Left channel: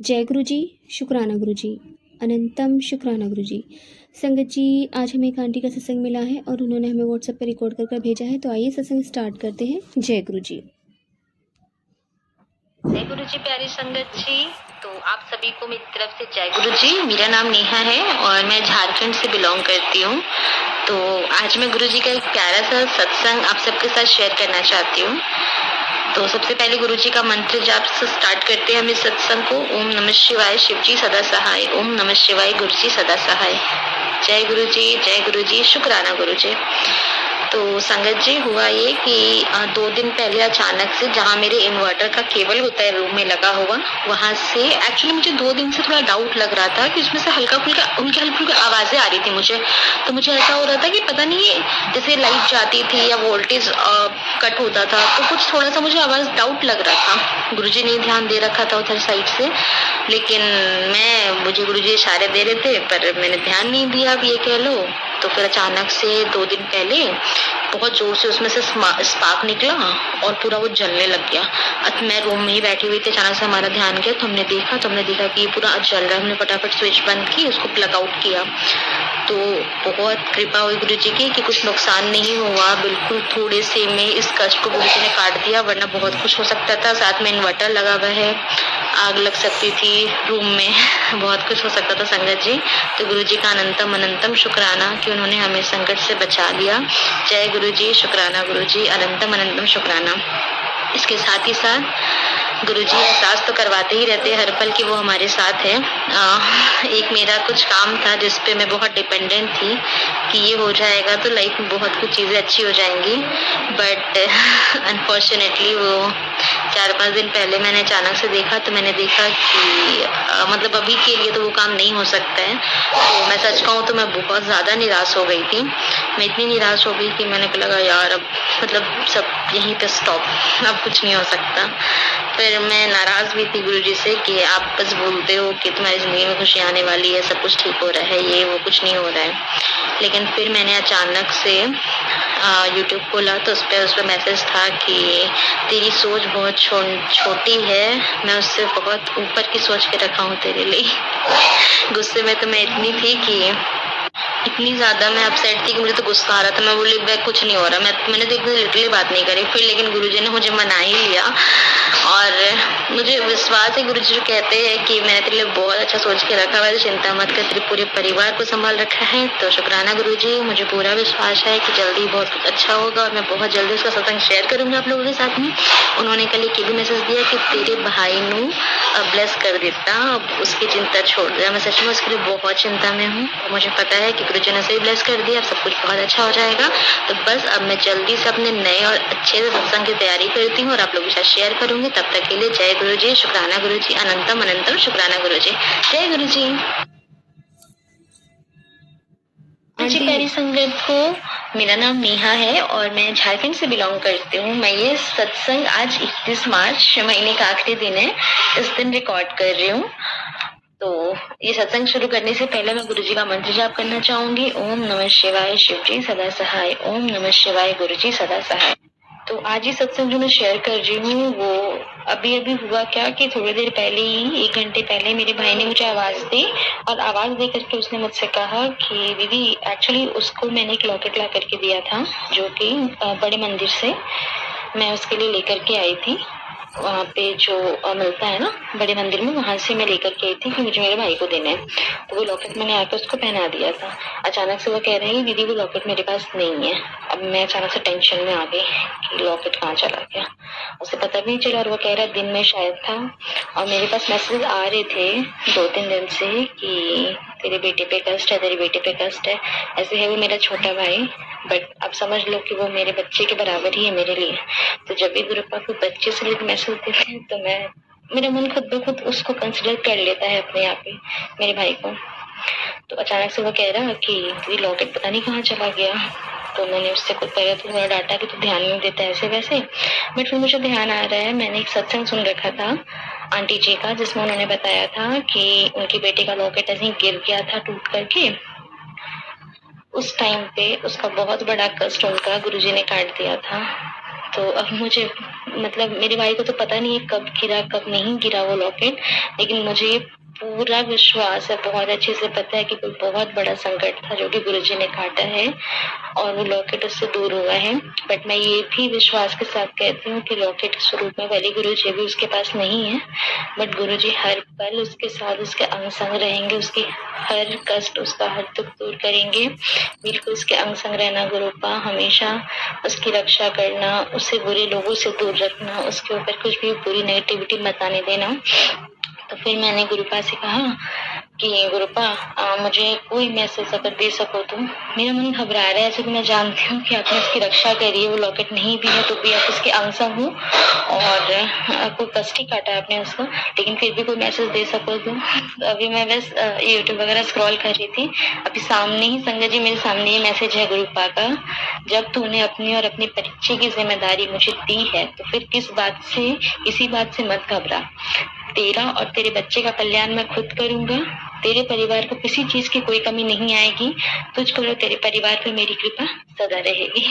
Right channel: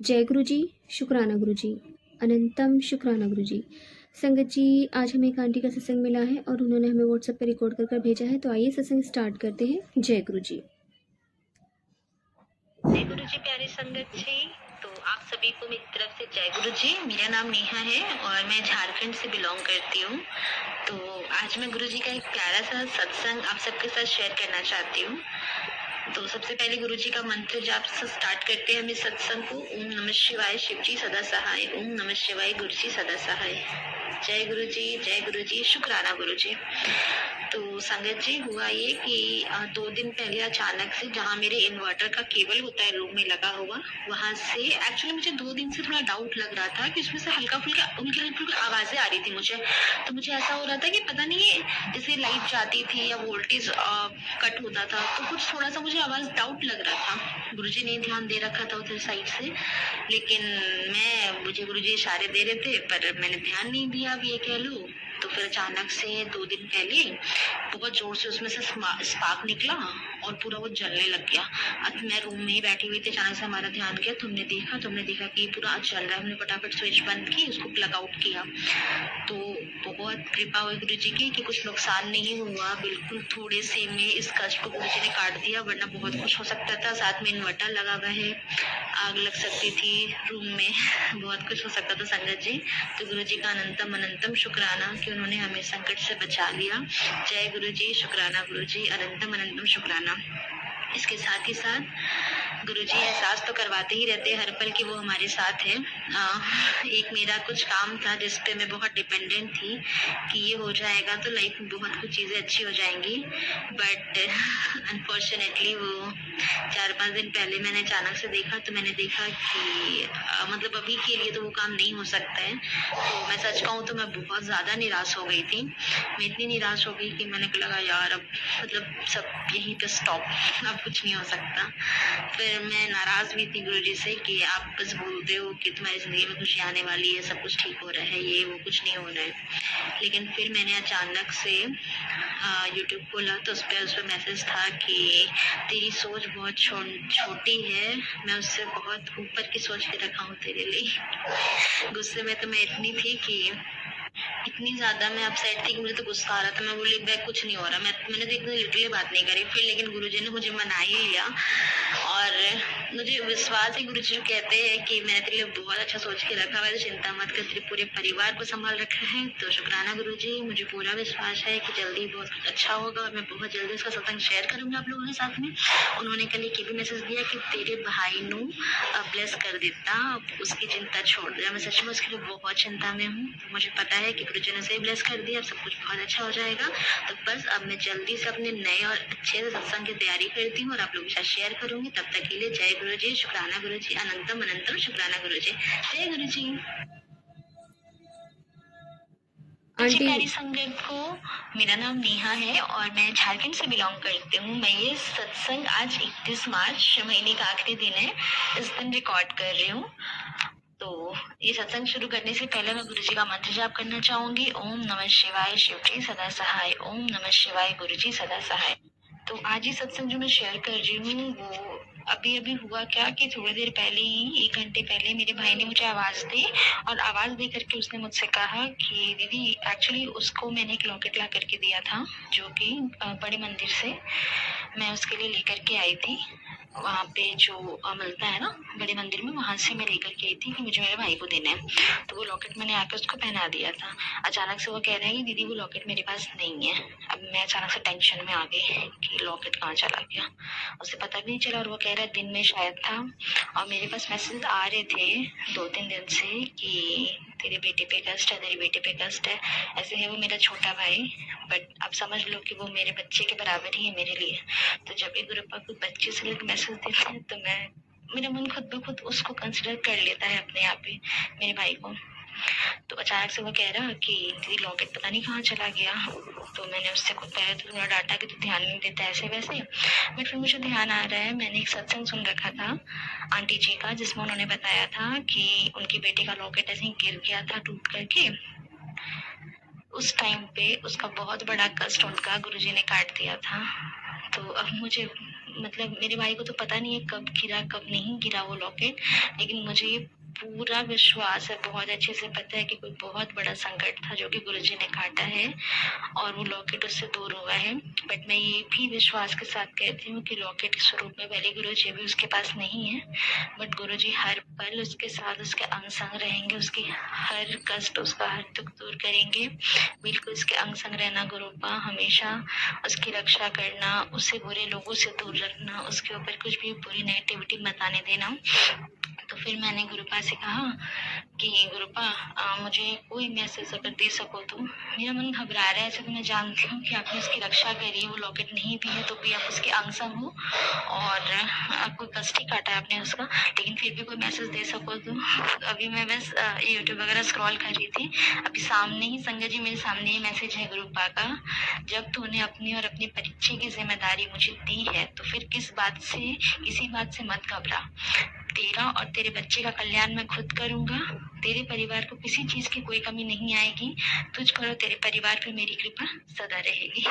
जय गुरु जी, शुक्राना गुरु जी, अनंतम शुक्राना गुरु जी। संगत जी, आज हमें एक आंटी का सत्संग मिला है और उन्होंने हमें व्हाट्सएप पर रिकॉर्ड कर भेजा है। तो आइए सत्संग स्टार्ट करते हैं। जय गुरु जी। जय गुरु जी। प्यारी संगत जी, तो आप सभी को मेरी तरफ से जय गुरु जी। मेरा नाम नेहा है और मैं झारखंड से बिलोंग करती हूँ। तो आज मैं गुरु जी का एक प्यारा सा सत्संग आप सबके साथ शेयर करना चाहती हूँ। तो सबसे पहले गुरु जी का मंत्र जाप से स्टार्ट करते हैं हम इस सत्संग को। ओम नमः शिवाय, शिव जी सदा सहाय। ओम नमः शिवाय, गुरु जी सदा सहाय। जय गुरु जी, जय गुरु जी, शुक्राना गुरु जी। तो संगत जी, हुआ ये कि 2 दिन पहले अचानक से जहाँ मेरे इन्वर्टर का केबल होता है रूम में लगा हुआ, वहां से एक्चुअली मुझे 2 दिन से थोड़ा डाउट लग रहा था कि उसमें से हल्की फुल्की आवाजें आ रही थी मुझे। तो मुझे ऐसा हो रहा था कि पता नहीं जैसे लाइट जाती थी या वोल्टेज कट होता था, तो कुछ थोड़ा सा मुझे आवाज डाउट लग रहा था। गुरुजी ने ध्यान दे रखा था उधर साइड से, लेकिन मुझे गुरुजी इशारे दे रहे थे पर मैंने ध्यान नहीं दिया, अब ये कह लो। तो फिर अचानक से 2 दिन पहले बहुत जोर से उसमें से स्पार्क निकला और पूरा वो जलने लग गया। अब मैं रूम में ही बैठी हुई थी, अचानक से हमारा ध्यान गया तो हमने देखा कि ये पूरा जल रहा है। हमने फटाफट स्विच बंद की, उसको प्लग आउट किया। तो बहुत कृपा हुई गुरु जी की कि कुछ नुकसान नहीं हुआ। बिल्कुल थोड़े से में इस कष्ट को गुरु जी ने काट दिया, वरना बहुत कुछ हो सकता था। साथ में इन्वर्टर लगा हुआ है, आग लग सकती थी रूम में, बहुत कुछ हो सकता था संगत जी। तो गुरु जी का अनंतम अनंतम शुक्राना कि उन्होंने हमें संकट से बचा लिया। जय गुरु जी, शुक्राना गुरु जी, अनंतम अनंतम शुक्राना। इसके साथ ही साथ गुरुजी एहसास तो करवाते ही रहते हैं हर पल कि वो हमारे साथ है। एक मेरा कुछ काम था जिसपे मैं बहुत डिपेंडेंट थी कि ये हो जाएगा तो लाइफ में बहुत कुछ चीजें अच्छी हो जाएंगी, बट अनफॉर्चुनेटली वो 4-5 दिन पहले मैंने अचानक से देखा, तो मैंने देखा कि मतलब अभी के लिए तो वो काम नहीं हो सकता है। तो मैं सच कहूँ तो मैं बहुत ज्यादा निराश हो गई थी। मैं इतनी निराश हो गई कि मैंने लगा यार अब मतलब सब यहीं पे स्टॉप, अब कुछ नहीं हो सकता। फिर मैं नाराज भी थी गुरुजी से कि आप बस बोलते हो कि तुम्हारी जिंदगी में खुशी आने वाली है, सब कुछ ठीक हो रहा है, ये वो कुछ नहीं हो रहा है। लेकिन फिर मैंने अचानक से यूट्यूब खोला तो उस पर मैसेज था कि तेरी सोच बहुत छोटी है, मैं उससे बहुत ऊपर की सोच के रखा हूँ तेरे लिए। गुस्से में तो मैं इतनी थी कि इतनी ज्यादा मैं अपसेट थी कि मुझे तो गुस्सा आ रहा था। मैं बोली वह कुछ नहीं हो रहा, मैंने तो एकदम लिटरली बात नहीं करी। फिर लेकिन गुरुजी ने मुझे मना ही लिया और मुझे विश्वास है गुरुजी जो कहते हैं कि मैंने तेरे लिए बहुत अच्छा सोच के रखा हुआ है, तो चिंता मत कर, तेरे पूरे परिवार को संभाल रखा है। तो शुक्राना गुरुजी, मुझे पूरा विश्वास है कि जल्दी बहुत कुछ अच्छा होगा और मैं बहुत जल्दी उसका सत्संग शेयर करूंगी आप लोगों के साथ में। उन्होंने कल एक भी मैसेज दिया कि तेरे भाई नू ब्लेस कर देता, अब उसकी चिंता छोड़ दिया। मैं सच में उसके लिए बहुत चिंता में हूँ। तो मुझे पता है कि गुरुजी ने सही ब्लेस कर दिया, अब सब कुछ बहुत अच्छा हो जाएगा। तो बस अब मैं जल्दी से अपने नए और अच्छे से सत्संग की तैयारी करती हूँ और आप लोगों के साथ शेयर करूंगी। तब तक के लिए जय गुरु जी, शुक्राना गुरु जी, अनंतम अनंतम शुक्राना गुरु जी। जय गुरु जी। जी आंटी प्यारी संगत को, मेरा नाम नेहा है और मैं झारखंड से बिलोंग करती हूँ। मैं ये सत्संग आज 31 मार्च महीने का आखिरी दिन है, इस दिन रिकॉर्ड कर रही हूँ। तो ये सत्संग शुरू करने से पहले मैं गुरु जी का मंत्र जाप करना चाहूंगी। ओम नमः शिवाय, शिव जी सदा सहाय। ओम नमः शिवाय, गुरु जी सदा सहाय। तो आज ये सत्संग जो मैं शेयर कर रही हूँ वो अभी अभी हुआ क्या कि थोड़ी देर पहले ही, 1 घंटे पहले मेरे भाई ने मुझे आवाज दी और आवाज दे करके उसने मुझसे कहा कि दीदी, एक्चुअली उसको मैंने एक लॉकेट ला करके दिया था जो कि बड़े मंदिर से मैं उसके लिए लेकर के आई थी। वहाँ पे जो मिलता है ना बड़े मंदिर में, वहां से मैं लेकर के आई थी कि मुझे मेरे भाई को देना है। तो वो लॉकेट मैंने आकर उसको पहना दिया था। अचानक से वो कह रहे हैं दीदी वो लॉकेट मेरे पास नहीं है। अब मैं अचानक से टेंशन में आ गई कि लॉकेट कहाँ चला गया, उसे पता भी नहीं चला। और वो कह रहा दिन में शायद था और मेरे पास मैसेज आ रहे थे 2-3 दिन से कि तेरे बेटे पे कष्ट है, तेरे बेटे पे कष्ट है। ऐसे है वो मेरा छोटा भाई, बट अब समझ लो कि वो मेरे बच्चे के बराबर ही है मेरे लिए। तो जब भी गुरु पापा बच्चे से लेकर मैसेज देते हैं तो मेरा मन खुद ब खुद उसको कंसिडर कर लेता है अपने आप ही, मेरे भाई को। तो अचानक से वो कह रहा कि दीदी लॉकेट पता नहीं कहाँ चला गया। तो मैंने उससे कुछ पहले तो थोड़ा डांटा कि तू ध्यान नहीं देता ऐसे वैसे, बट फिर मुझे ध्यान आ रहा है। मैंने एक सत्संग सुन रखा था आंटी जी का, जिसमें उन्होंने बताया था कि उनकी बेटी का लॉकेट ऐसे ही गिर गया था टूट करके। उस टाइम पे उसका बहुत बड़ा कष्ट उनका गुरुजी ने काट दिया था। तो अब मुझे मतलब मेरे भाई को तो पता नहीं है कब गिरा कब नहीं गिरा वो लॉकेट, लेकिन मुझे पूरा विश्वास है, बहुत अच्छे से पता है कि कोई बहुत बड़ा संकट था जो कि गुरुजी ने काटा है और वो लॉकेट उससे दूर हुआ है। बट मैं ये भी विश्वास के साथ कहती हूँ कि लॉकेट के स्वरूप में भले गुरुजी अभी उसके पास नहीं है, बट गुरुजी हर पल उसके साथ, उसके अंग संग रहेंगे, उसकी हर कष्ट, उसका हर दुख दूर करेंगे। बिल्कुल उसके अंग संग रहना गुरुपा, हमेशा उसकी रक्षा करना, उसे बुरे लोगों से दूर रखना, उसके ऊपर कुछ भी बुरी नेगेटिविटी मत आने देना। तो फिर मैंने गुरुपा से कहा कि गुरुपा मुझे कोई मैसेज अगर दे सको तो। मेरा मन घबरा रहा है, ऐसे तो मैं जानती हूँ कि आपने उसकी रक्षा करी है, वो लॉकेट नहीं भी है तो भी आप उसके अंग संग हो और कोई कष्ट ही काटा है आपने उसको, लेकिन फिर भी कोई मैसेज दे सको तो। अभी मैं बस यूट्यूब वगैरह स्क्रॉल कर रही थी, अभी सामने ही संगत जी मेरे सामने ये मैसेज है गुरुपा का, जब तूने अपनी और अपने परिचय की जिम्मेदारी मुझे दी है तो फिर किसी बात से मत घबरा। तेरा और तेरे बच्चे का कल्याण मैं खुद करूंगा, तेरे परिवार को किसी चीज की कोई कमी नहीं आएगी, तुझ पर और तेरे परिवार पर मेरी कृपा सदा रहेगी।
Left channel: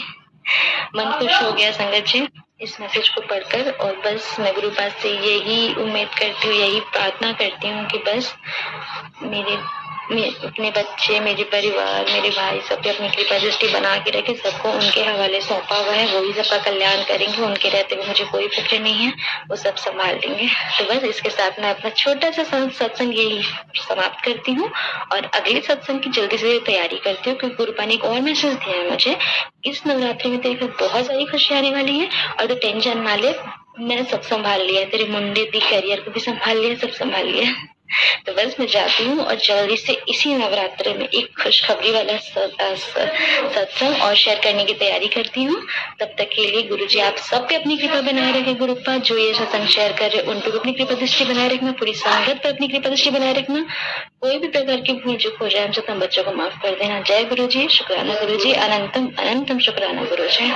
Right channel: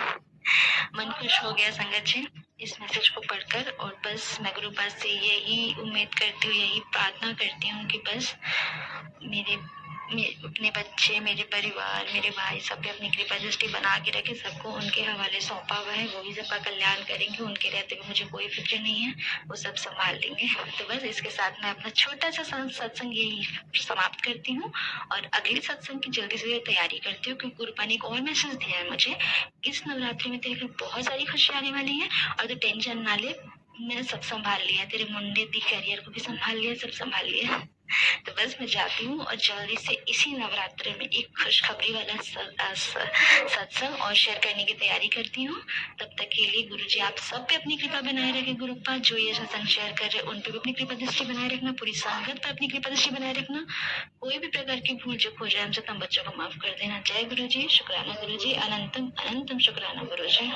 मन खुश हो गया संगत जी इस मैसेज को पढ़कर, और बस मैं गुरुपा से यही उम्मीद करती हूँ, यही प्रार्थना करती हूँ कि बस अपने बच्चे, मेरे परिवार, मेरे भाई सब पे अपनी कृपा दृष्टि बना के रखे, सबको उनके हवाले सौंपा हुआ है, वही सबका कल्याण करेंगे, उनके रहते हुए मुझे कोई फिक्र नहीं है, वो सब संभाल लेंगे। तो बस इसके साथ मैं अपना छोटा सा सत्संग यही समाप्त करती हूँ और अगले सत्संग की जल्दी से तैयारी करती हूँ, क्योंकि गुरुपा ने एक और मैसेज दिया है मुझे, इस नवरात्रि में तेरे घर बहुत सारी खुशी आने वाली है और तो टेंशन ना ले, मैंने सब संभाल लिया, तेरे मुंडे दी करियर को भी संभाल लिया, सब संभाल लिया। तो बस मैं जाती हूँ और जल्दी से इसी नवरात्रि में एक खुशखबरी वाला सत्संग और शेयर करने की तैयारी करती हूँ। तब तक के लिए गुरुजी आप सब पे अपनी कृपा बनाए रखें, गुरुपा जो ये सत्संग शेयर कर रहे उन पे अपनी कृपा दृष्टि बनाए रखना, पूरी संगत पे अपनी कृपा दृष्टि बनाए रखना, कोई भी प्रकार की भूल चूक हो जाए हमसे तुम बच्चों को माफ कर देना। जय गुरुजी, शुक्राना गुरुजी, अनंतम अनंतम शुक्राना गुरुजी।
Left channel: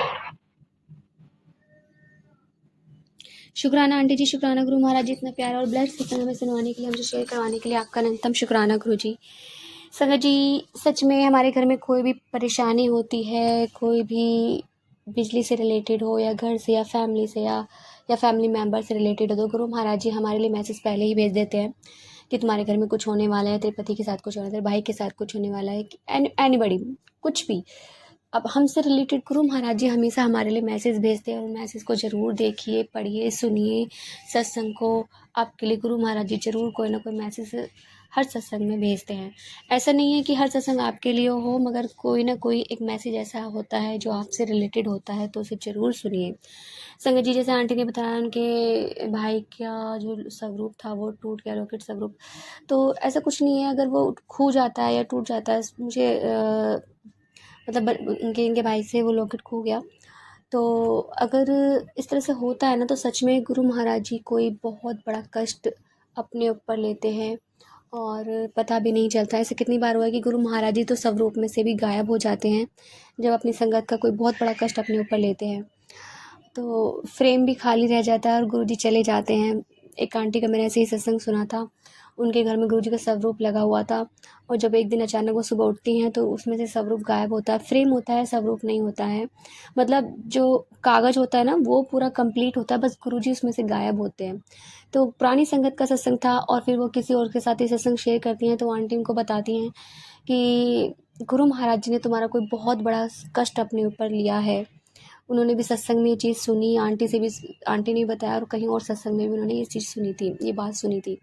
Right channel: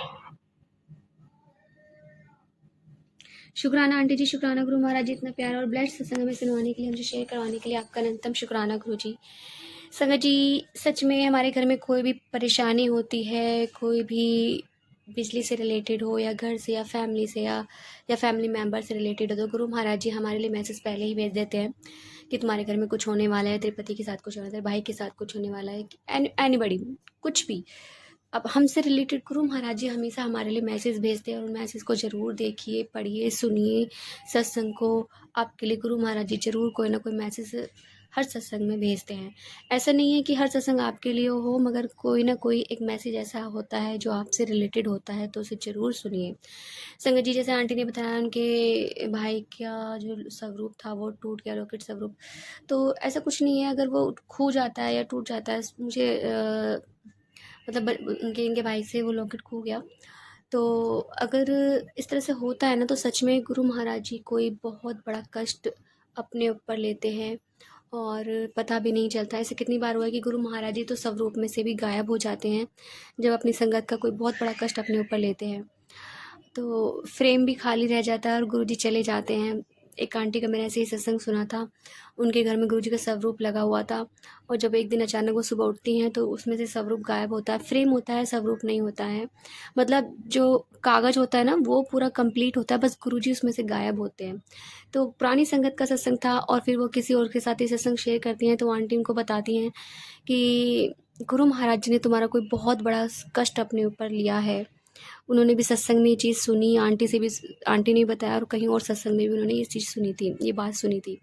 शुक्राना आंटी जी, शुक्राना गुरु महाराज जी, इतना प्यारा और ब्लेस्ड सत्संग हमें सुनवाने के लिए, हमसे शेयर करवाने के लिए आपका अनंतम शुक्राना गुरु जी। संगत जी, सच में हमारे घर में कोई भी परेशानी होती है, कोई भी बिजली से रिलेटेड हो या घर से या फैमिली से या फैमिली मेम्बर से रिलेटेड हो, तो गुरु महाराज जी हमारे लिए मैसेज पहले ही भेज देते हैं कि तुम्हारे घर में कुछ होने वाला है, तेरे पति के साथ कुछ होने वाला है, तेरे भाई के साथ कुछ होने वाला है, एनीबडी, कुछ भी। अब हमसे रिलेटेड गुरु महाराज जी हमेशा हमारे लिए मैसेज भेजते हैं और उन मैसेज को ज़रूर देखिए, पढ़िए, सुनिए। सत्संग को आपके लिए गुरु महाराज जी ज़रूर कोई ना कोई मैसेज हर सत्संग में भेजते हैं। ऐसा नहीं है कि हर सत्संग आपके लिए हो, मगर कोई ना कोई एक मैसेज ऐसा होता है जो आपसे रिलेटेड होता है, तो उसे ज़रूर सुनिए। संगत जी, जैसे आंटी ने बताया उनके भाई का जो स्वरूप था वो टूट गया, लॉकेट स्वरूप, तो ऐसा कुछ नहीं है। अगर वो खो जाता है या टूट जाता है, मुझे मतलब इनके भाई से वो लॉकेट खो गया, तो अगर इस तरह से होता है ना, तो सच में गुरु महाराज जी कोई बहुत बड़ा कष्ट अपने ऊपर लेते हैं और पता भी नहीं चलता। ऐसे कितनी बार हुआ है कि गुरु महाराज जी तो स्वरूप में से भी गायब हो जाते हैं जब अपनी संगत का कोई बहुत बड़ा कष्ट अपने ऊपर लेते हैं, तो फ्रेम भी खाली रह जाता है और गुरु जी चले जाते हैं। एक आंटी का मैंने ऐसे ही सत्संग सुना था, उनके घर में गुरुजी का स्वरूप लगा हुआ था और जब एक दिन अचानक वो सुबह उठती हैं तो उसमें से स्वरूप गायब होता है। फ्रेम होता है, स्वरूप नहीं होता है, मतलब जो कागज़ होता है ना वो पूरा कंप्लीट होता है, बस गुरुजी उसमें से गायब होते हैं। तो पुरानी संगत का सत्संग था और फिर वो किसी और के साथ ही सत्संग शेयर करती हैं, तो आंटी उनको बताती हैं कि गुरु महाराज जी ने तुम्हारा कोई बहुत बड़ा कष्ट अपने ऊपर लिया है। उन्होंने भी सत्संग में ये चीज़ सुनी, आंटी से भी, आंटी ने बताया और कहीं और सत्संग में भी उन्होंने ये चीज़ सुनी थी, ये बात सुनी थी।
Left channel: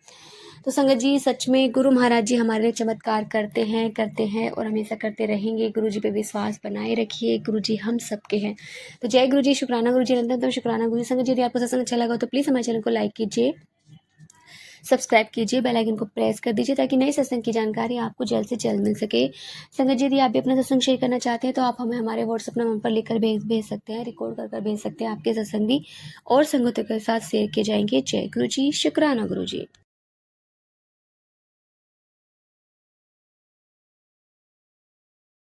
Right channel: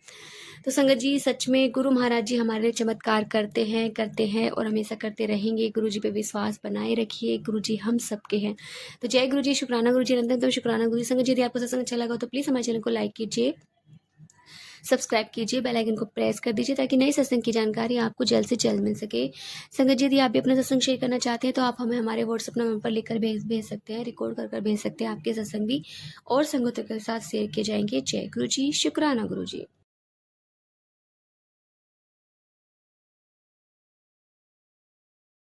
तो संगत जी, सच में गुरु महाराज जी हमारे लिए चमत्कार करते हैं और हमेशा करते रहेंगे। गुरु जी पे विश्वास बनाए रखिए, गुरु जी हम सबके हैं। तो जय गुरु जी, शुक्राना गुरु जी, अनंतम तो शुक्राना गुरु जी। संगत जी, यदि आपको सत्संग अच्छा लगा तो प्लीज़ हमारे चैनल को लाइक कीजिए, सब्सक्राइब कीजिए, बेल आइकन को प्रेस कर दीजिए ताकि नए सत्संग की जानकारी आपको जल्द से जल्द मिल सके। संगत जी, यदि आप भी अपना सत्संग शेयर करना चाहते हैं तो आप हमें हमारे व्हाट्सएप नंबर पर लिखकर भेज सकते हैं, रिकॉर्ड कर भेज सकते हैं। आपके सत्संग भी और संगतों के साथ शेयर किए जाएंगे। जय गुरु जी, शुक्राना गुरु जी।